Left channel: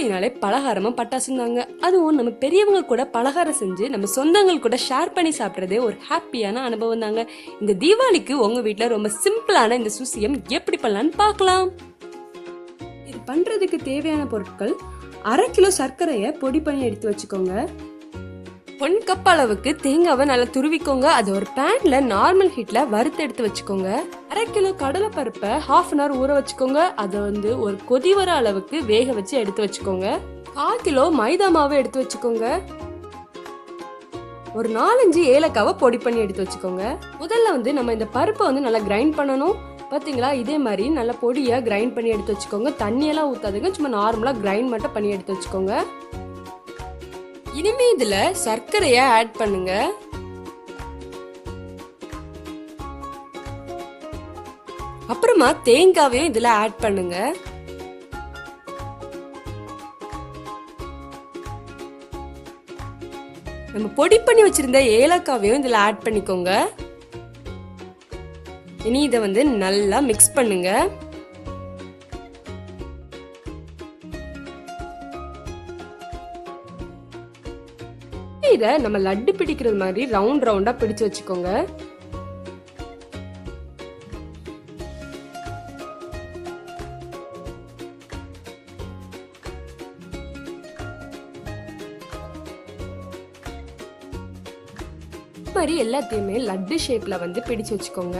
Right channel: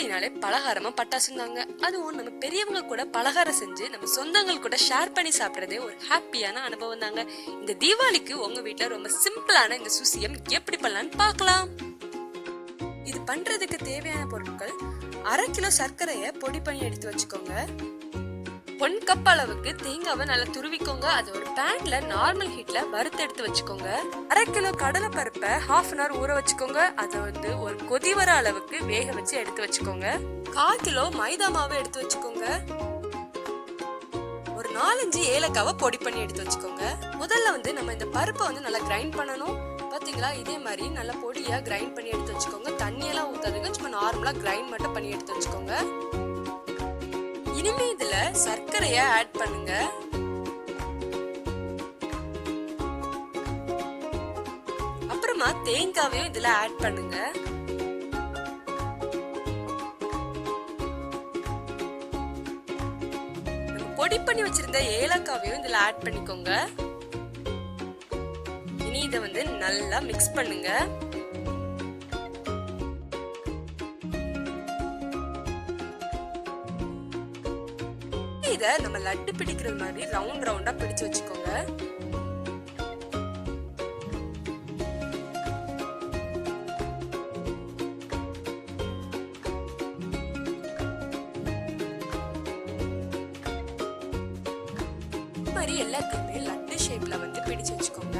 தீபாவளினாலே பலகாரமா பட்டாசுந்தாங்க. அதுவும் நம்ம பெரியவங்க கூட பலகாரம் செஞ்சு நம்ம சொந்தங்கள் கூட ஷேர் பண்ணி சாப்பிட்றதே ஒரு ஹாப்பியான அனுபவம் தாங்க. இந்த தீபாவளிக்கு உங்க வீட்டுல ரொம்ப சிம்பிளான இந்த சுசியம் எப்படி பண்ணலான்னு பார்க்கலாம். இது பண்றதுக்கு தேவையான பொருட்கள்: 1/2 கிலோ சர்க்கரையை பொடி பண்ணி எடுத்து வச்சுக்கோங்க. 1 கப் அளவுக்கு தேங்காவை நல்லா துருவிக்கோங்க. அது ஒரு பேன்ல நார்மல் ஹீட்ல வறுத்து எடுத்து வச்சுக்கோங்க. 1/2 கிலோ கடலை பருப்பை 1/2 hour ஊற வச்சுக்கோங்க. அதை ஒரு கொதி வர அளவுக்கு வேக வச்சு எடுத்து வச்சுக்கோங்க. 1/4 கிலோ மைதா மாவு எடுத்து வச்சுக்கோங்க. ஒரு 4-5 ஏலக்காவை பொடி பண்ணி எடுத்து வச்சுக்கோங்க. முதல்ல நம்ம இந்த பருப்பை நல்லா கிரைண்ட் பண்ணணும். பாத்தீங்களா, இதே மாதிரி நல்லா பொடியா கிரைண்ட் பண்ணி எடுத்து வச்சுக்கோங்க. தண்ணியெல்லாம் ஊத்தாதுங்க, சும்மா நார்மலா கிரைண்ட் மட்டும் பண்ணி எடுத்து வச்சுக்கோங்க. இனிமே இதுல சர்க்கரைய ஆட் பண்ணுங்க. அப்புறமா தேங்காவையும் இதுல ஆட் பண்ணுங்க. நம்ம பொடி பண்ணி வச்சிருந்த ஏலக்காவையும் இதுல ஆட் பண்ணிக்கோங்க. இனி இதை நல்லா மிக்ஸ் பண்ணுங்க. இத நம்ம லட்டு பிடிக்கிறது மாதிரி ரவுண்ட் ரவுண்டா பிடிச்சு வச்சுக்கோங்க. இந்த மாதிரி எல்லாத்தையுமே லட்டு ஷேப்ல பிடிச்சு வச்சுக்கோங்க.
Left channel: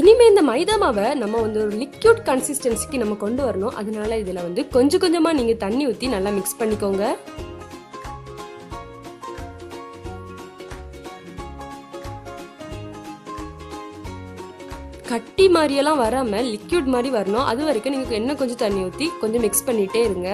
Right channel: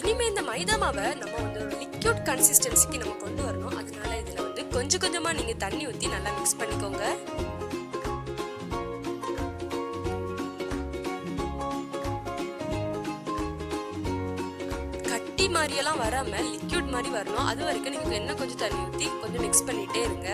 இனிமே இந்த மைதா மாவை நம்ம ஒரு லிக்விட் கன்சிஸ்டன்சிக்கு நம்ம கொண்டு வரணும். அதனால இதுல கொஞ்சம் கொஞ்சமா நீங்க தண்ணி ஊத்தி நல்லா மிக்ஸ் பண்ணிக்கோங்க. கட்டி மாதிரியெல்லாம் வராம லிக்விட் மாதிரி வரணும். அது வரைக்கும் நீங்க இன்னும் கொஞ்சம் தண்ணி ஊத்தி கொஞ்சம் மிக்ஸ் பண்ணிட்டே இருங்க.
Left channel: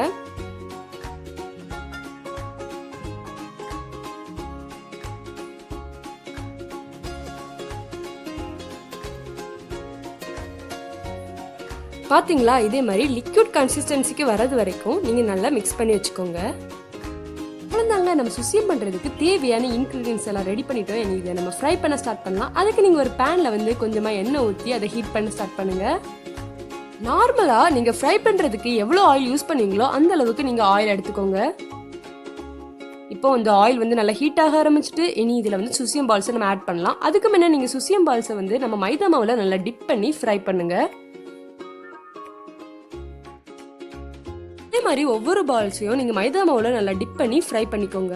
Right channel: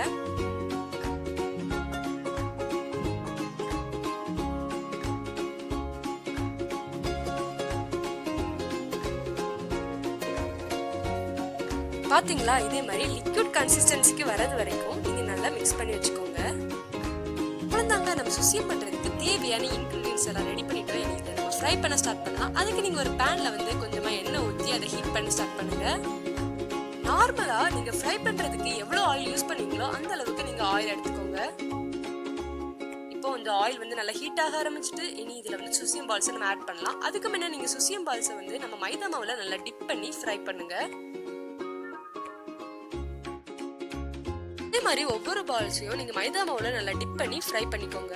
பாத்தீங்களா, இதே மாதிரி லிக்விட் கன்சிஸ்டன்சிக்கு வரது வரைக்கும் நீங்க நல்லா மிக்ஸ் பண்ணி வச்சுக்கோங்க. அவ்வளவுதாங்க, நம்ம சுசியம் பண்றதுக்கு தேவையான இன்கிரீடியன்ஸ் எல்லாம் ரெடி பண்ணிட்டோம். இதை நம்ம ஃப்ரை பண்ண ஸ்டார்ட் பண்ணலாம். அதுக்கு நீங்க ஒரு பேன்ல கொஞ்சமா எண்ணெய் ஊற்றி அதை ஹீட் பண்ண ஸ்டார்ட் பண்ணுங்க. நார்மலா நீங்க ஃப்ரை பண்றதுக்கு எவ்வளவு ஆயில் யூஸ் பண்ணுவீங்களோ அந்த அளவுக்கு நீங்க ஆயில் எடுத்துக்கோங்க. இப்போ இந்த ஆயில் நல்லா ஹீட் ஆக ஆரம்பிச்சுட்டு இனி இதுல சுசியம் பால்ஸை நம்ம ஆட் பண்ணலாம். அதுக்கு முன்ன நீங்க சுசியம் பால்ஸை நம்ம மைதா மாவுல நல்லா டிப் பண்ணி ஃப்ரை பண்ணுங்க. இதே மாதிரி ஒவ்வொரு பால்ஸையும் நீங்க மைதா மாவுல நல்லா டிப் பண்ணி ஃப்ரை பண்ணிக்கோங்க.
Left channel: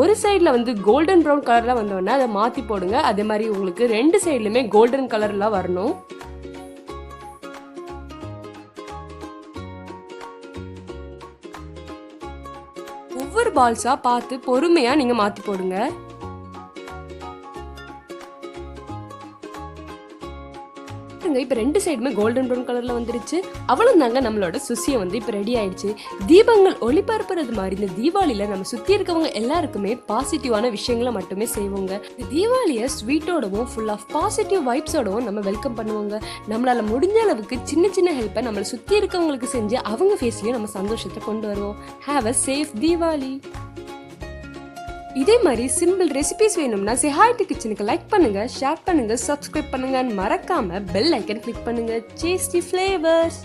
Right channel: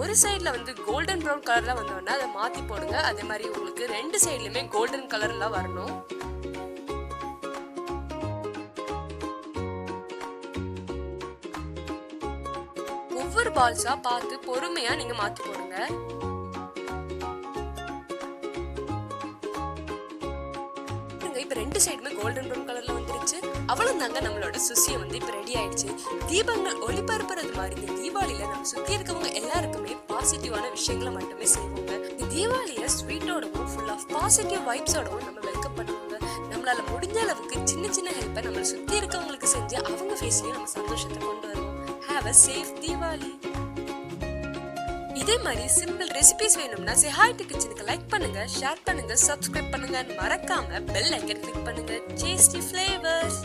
ஒரு சைடுல கோல்டன் ப்ரௌன் கலர்ல வந்தோடனே அதை மாத்தி போடுங்க. அதே மாதிரி உங்களுக்கு 2 சைடுலயுமே கோல்டன் கலர்ல வரணும். ஒவ்வொரு பால்ஸா பார்த்து பொறுமையா நீங்க மாத்தி போடுங்க. இப்ப 2 சைடுமே கோல்டன் ப்ரௌன் கலர்ல வந்துருச்சு. அவ்வளவுதாங்க, நம்மளோட சுசியம் இப்ப ரெடி ஆயிடுச்சு. தீபங்கள் ஒளிபரப்புறது மாதிரி இந்த தீபாவளியில நம்ம சுத்தி இருக்கவங்க எல்லாருக்குமே பாசிட்டிவான விஷயங்களை மட்டுமே செய்வோங்க. இந்த தீபாவளிய ஸ்வீட்டோடவும் ஃபுல் ஆஃப் பாசிட்டிவ் வைப்ஸோடவும் நம்ம வெல்கம் பண்ணுவோங்க. நம்மளால முடிஞ்ச அளவுக்கு சின்ன சின்ன ஹெல்ப்பை நம்மளை சுத்தி இருக்கவங்களுக்கு செஞ்சு அவங்க ஃபேஸ்லயும் நம்ம சந்தோஷத்தை கொண்டு வருவோம். Have a safe Deepavali. இதே மாதிரி சிம்பிள் ரெசிபிஸ் வேணும்னா ஹாய் டு கிச்சனுக்கு லைக் பண்ணுங்க, ஷேர் பண்ணுங்க, சப்ஸ்கிரைப் பண்ணுங்க, மறக்காம பெல் ஐக்கன் கிளிக் பண்ணுங்க. Tasty flavours.